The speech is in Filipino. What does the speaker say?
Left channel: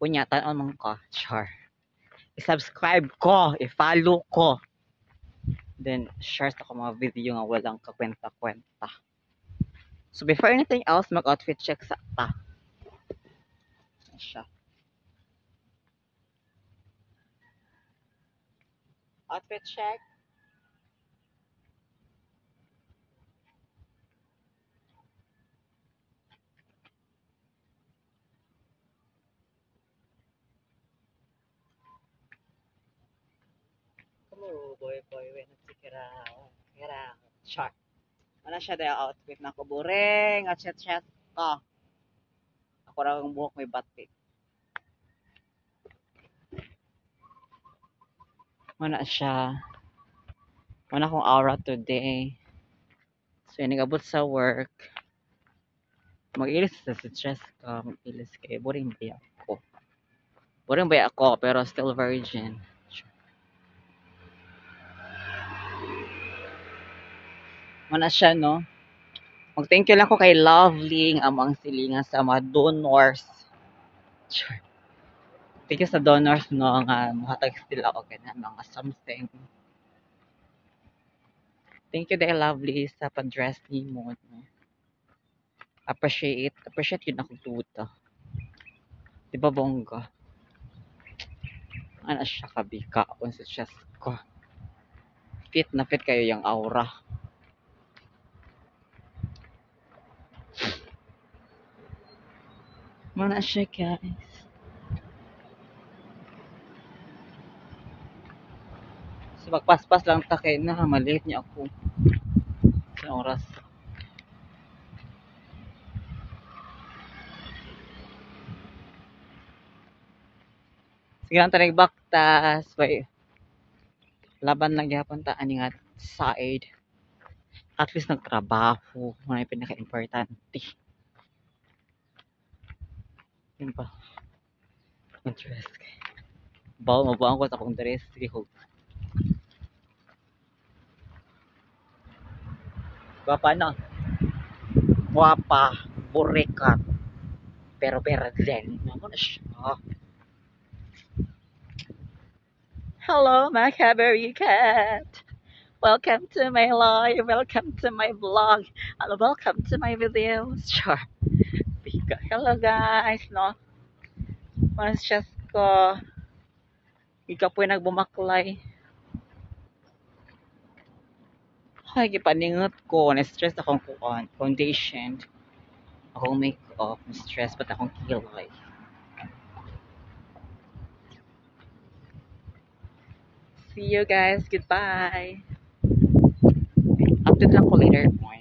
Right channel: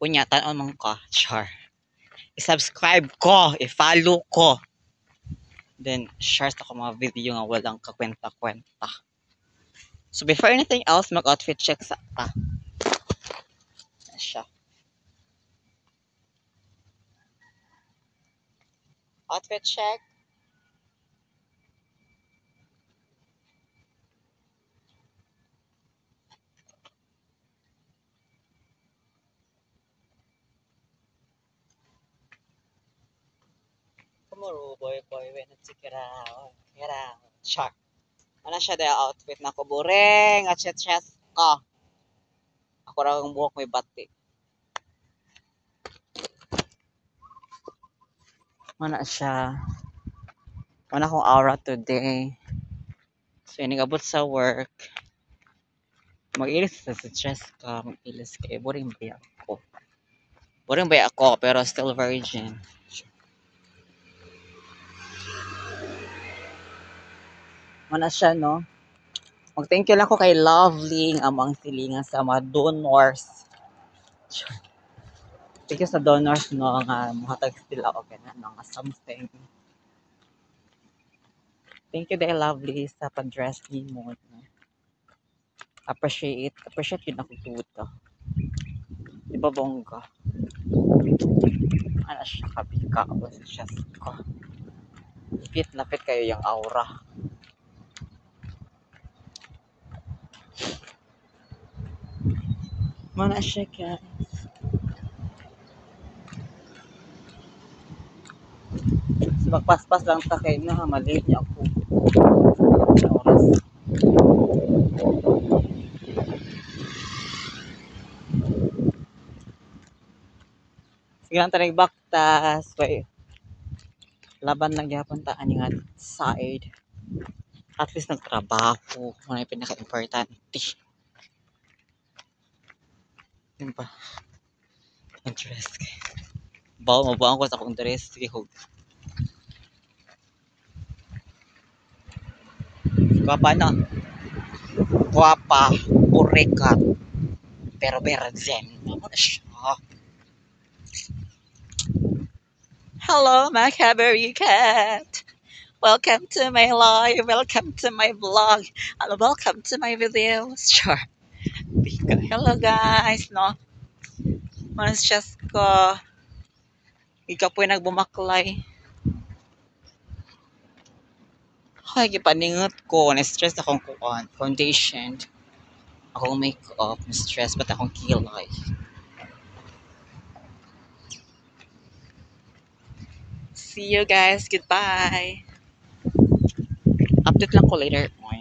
Kunya, tanon man ka. Char. I-subscribe ko. I-follow ko. Then, share sa ko mga video nga walang kakwenta-kwenta. So, before anything else, mag-outfit check sa ta. Siya. Outfit check. Kumuro, boy, when nagsikirao. Kirao. Char. Ano siya dahil outfit na ko. Buring. At chat ko. Ako raw ang buhok may batik. Mana siya. Mana akong aura today. So, yun, nag-abot sa work. Mag-ilis sa stress ka. Mag-ilis ka. Boring ba ako? Boring ba ako, pero still virgin. Mana siya, no? Mag-thank you lang ko kay Lovely ang amang silingan sa mga donors. Thank you sa donors, no? Nga, mahatag sila ako ganyan, mga something. Thank you dahil Lovely sa pag-dress ni mo. No? Appreciate yun ako tuto. Di ba bongga? Ano siya kabika ako sa chest ko. Fit na fit kayo yung aura. Mana siya guys. So magpaspas lang ta kay na maliit niya ako. Sa oras. Sige lang tayo baktas. Wait. Laban lang gyapon ta ani nga side. At least nagtrabaho. Ano yung pinaka-importante. Yun pa. Interest kay. Bawa mabuang ko sa akong dress. Sige ho. Guwapa na. Guwapa. Burekat. Pero virgin. Ano na siya? Hello, my Cadbury cat. Welcome to my live. Welcome to my vlog. And welcome to my videos. Sure. Hello guys, no? Manas just ko. Ikaw po yung nagbumaklay. Ay, gipaningot ko. Na-stress akong kuwan. Foundation. Akong makeup. Na-stress. Ba't akong kilay? See you guys. Goodbye. Update lang ko later on.